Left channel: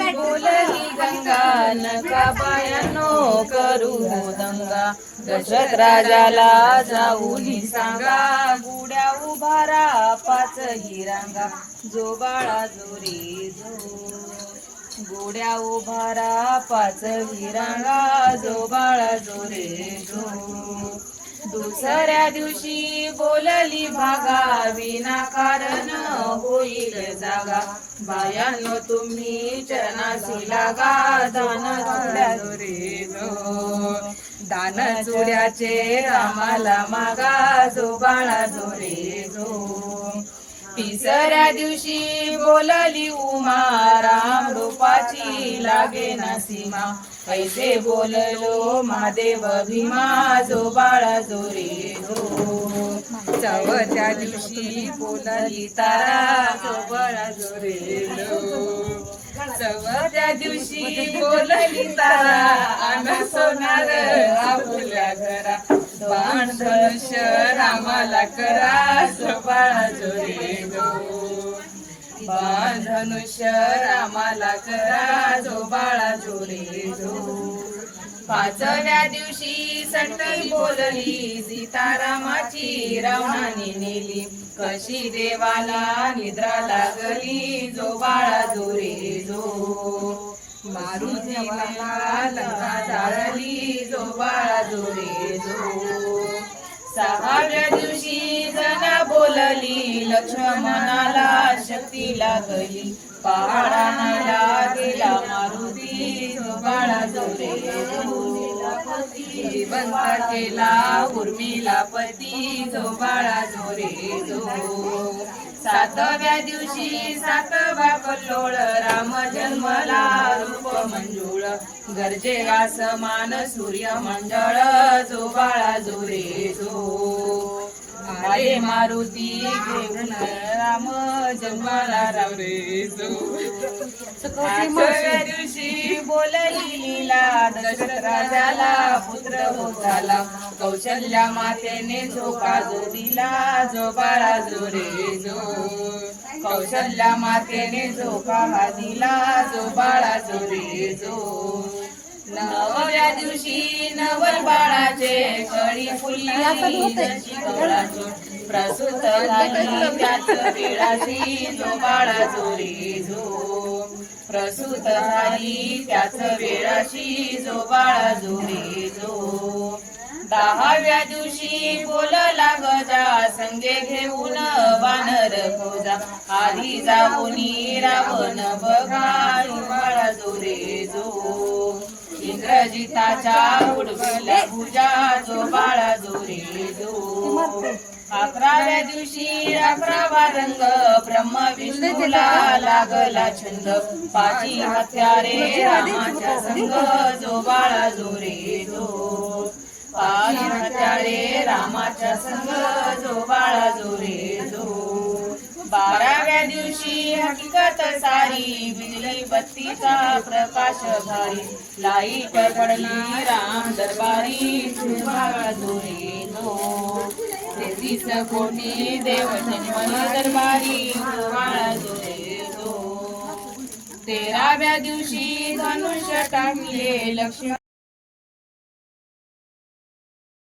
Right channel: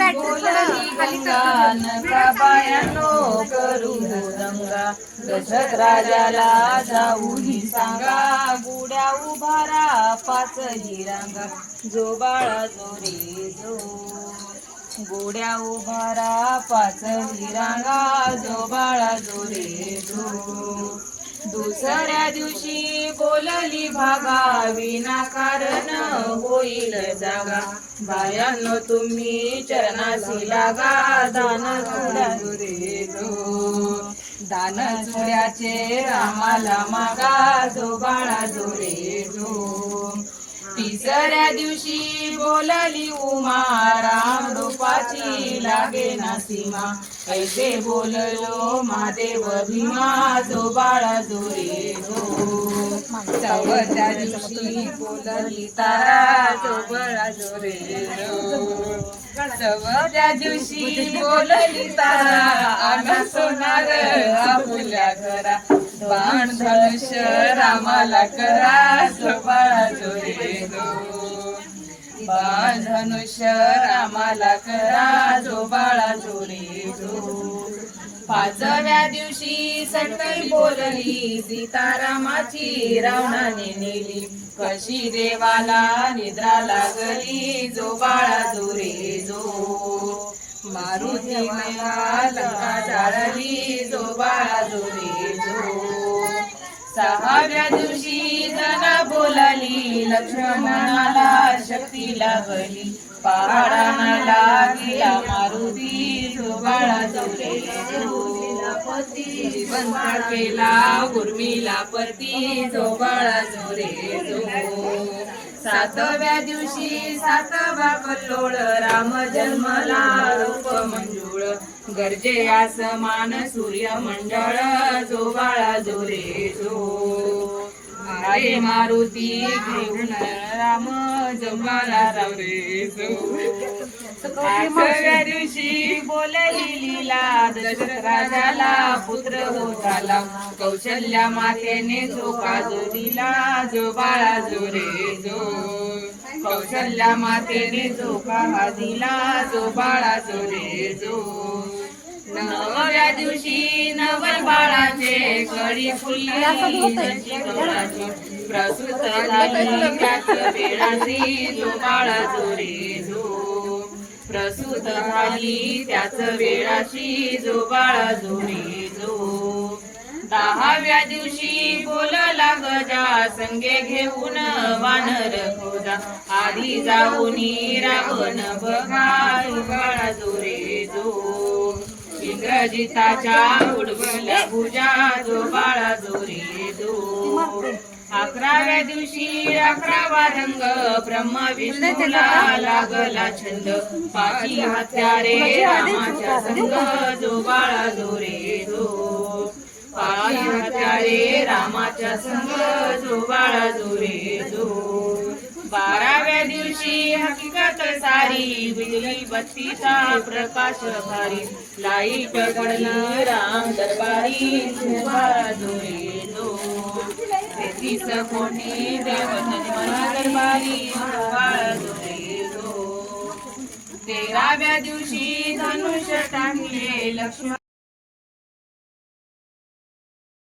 बोलली करू दंगा दशरथ राजाला जाऊनी सांगा गुड्या उभारा पाच हिरांगा जो बाळा जो रे जो. गोड्या उभारा पाच हिरांगा जो बाळा जो रे जो. दुसऱ्या दिवशी बोलली भागा विनाकारण होईल जागा. बायानो तुम्ही चरणाशी लागा दान चुड्या दान चुऱ्याचे आम्हाला मागा जो बाळा जोरे जो तिसऱ्या दिवशी बोलली उमा राम रूपाची लागे ना सीमा. ऐसे बोललो महादेव भीमा जो बाळा जो रे. जो दिवशी बोलली तारा जो बाळा जो रे. जो दिवशी बोलली तारा आना सोनार आपुल्या घरा. बाण धनुष रामाला करा जो बाळा जो रे. जो बाण धनुष्य रामाला करा जो बाळा जो रे. जो पाचव्या दिवशी संतरी बोलली सीतारामाची रावणाने नेली. कशी देवाला निद्रा लागली जो बाळा जोरे जो. मारुती देवाला लंका जाळली जो बाळा जोरे जो. सहाव्या दिवशी जना बोलली लक्ष्मणाला शक्ती लागली. पहाडाला गेला मारुती जो बाळा जोरे जो. बंद केला उर्मिला पती जो बाळा जो रे जो. सातव्या दिवशी सातवा कल्लोळ राम जन्मला रूप मंजुळ गरजे आसमान सूर्य मंडळ जो बाळा जो रे जो. आले मारुती घेऊन राम जन्माला रे जो. आठव्या दिवशी दशरथ राजाला पुत्र हो झाला कौशल्या मातेने जो काजू दिला जो बाळा जो रे जो. कौशल्या मातेने जो काहा दिला जो बाळा जो रे जो. नवव्या दिवशी नव बाळाचे कळी फुलली. प्रसूत झाली त्याच जो बाळा जो रे जो. प्रसूत झाली त्याच वेळाशी जो बाळा जो रे जो दहाव्या दिवशी बोलला गजा संगे घेऊन वानर खोजा. आधी जाऊनी रावण बघा बाळा जो रे जो इंद्रजिताच्या उडवल्या पूजा जो बाळा जो रे जो अकराव्या दिवशी अकरावा रंग ब्रह्म विष्णूला लागला छंद. पाची हत्यारे रामाच्या संग जो बाळा जो रे जो पाच हत्यारे रामाच्या संग जो बाळा जो रे जो बाराव्या दिवशी हकीकत सारी बिजली बत्तीचा प्रकाश भारी. लाइट पडली राम दरबारी जो बाळा जो रे जो तेहतीस कोटी देव जन्मन दरबारी तेराव्या दिवशी धनुष्य टाकले लक्ष्मण